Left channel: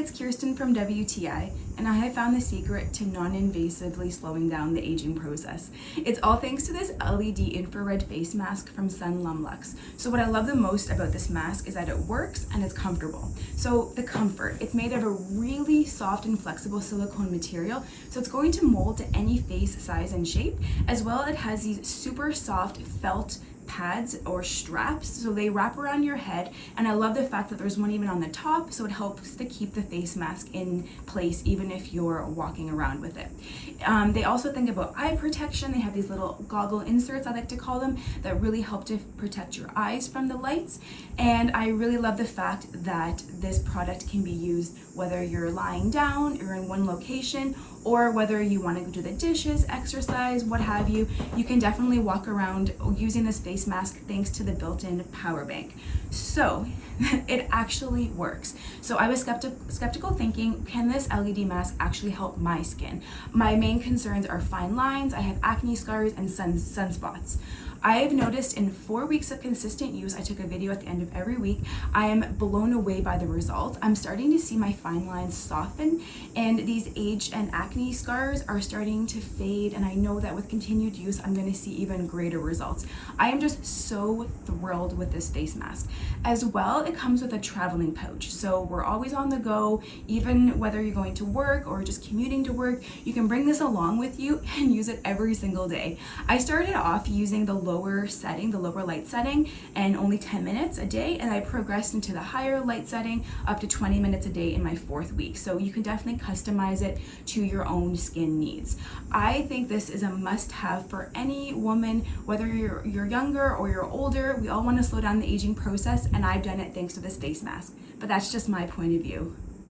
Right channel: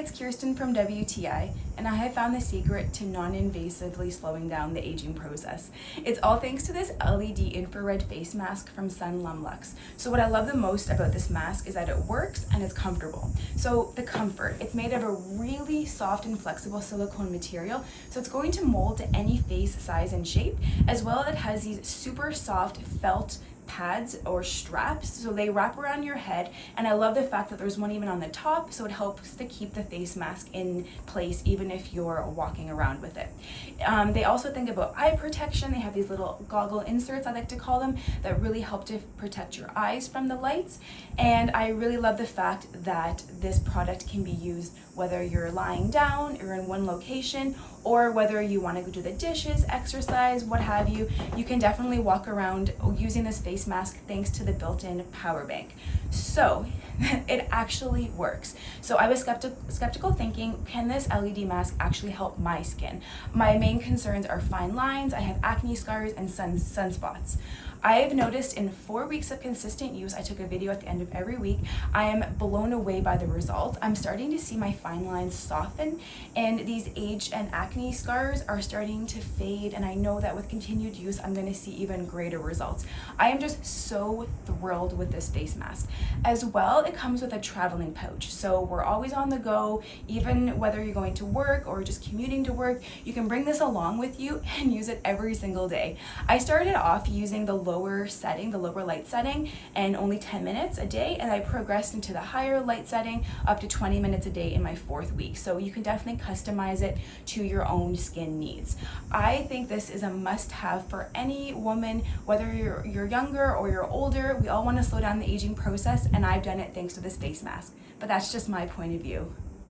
it's Kirsten from WTI, and I have found the secret to non-invasively slowing down the aging process. It's all thanks to this LED infrared face mask from Sunlamlux. So what I love the most about this mask is that it works and it's comfortable. So the comfort, it's made of a really soft and flexible silicone material, so it's going to mold to any face size and shape. As well, it has these super soft felt pads or straps, so they wrap around your head, and I love the fact that there's one even on the top, so it helps to keep the face mask in place even if you're walking around with it. They also think about eye protection. They have these little goggle inserts, I like to call them, that really help to protect your eyes from the lights. And I really love the fact that this product can be used whether you're lying down or in one location, or whether you want to go do the dishes, exercise, what have you. You can definitely walk around using this face mask thanks to the built-in power bank. So it actually works. So I was skeptical thinking, can this LED mask actually help my skin? My main concerns are fine lines, I have acne scars, and sunspots. I've noticed in 4 weeks of consistent use, I took a video at the end of every week, I am blown away by the results. I'm starting to see my fine lines soften, and these age and acne scars are starting to fade, and I know that with continued use, I'm gonna see even greater results. I am just so thrilled with this face mask. As well, it comes with a traveling pouch, so we're always on the go, even whether you're going to work or just commuting to work, you can bring this along with you and use it every single day. I started off using the lower light setting, and only 10 minutes a day, and I progressed into the higher light setting up to 20 minutes a day in my 4th week. So you can definitely customize it to your own skin needs. I think this is a must-have for any woman, whether you're younger or you're older. We all want to slow down the aging process, and I've done it thanks to this face mask. But that's just my point of view.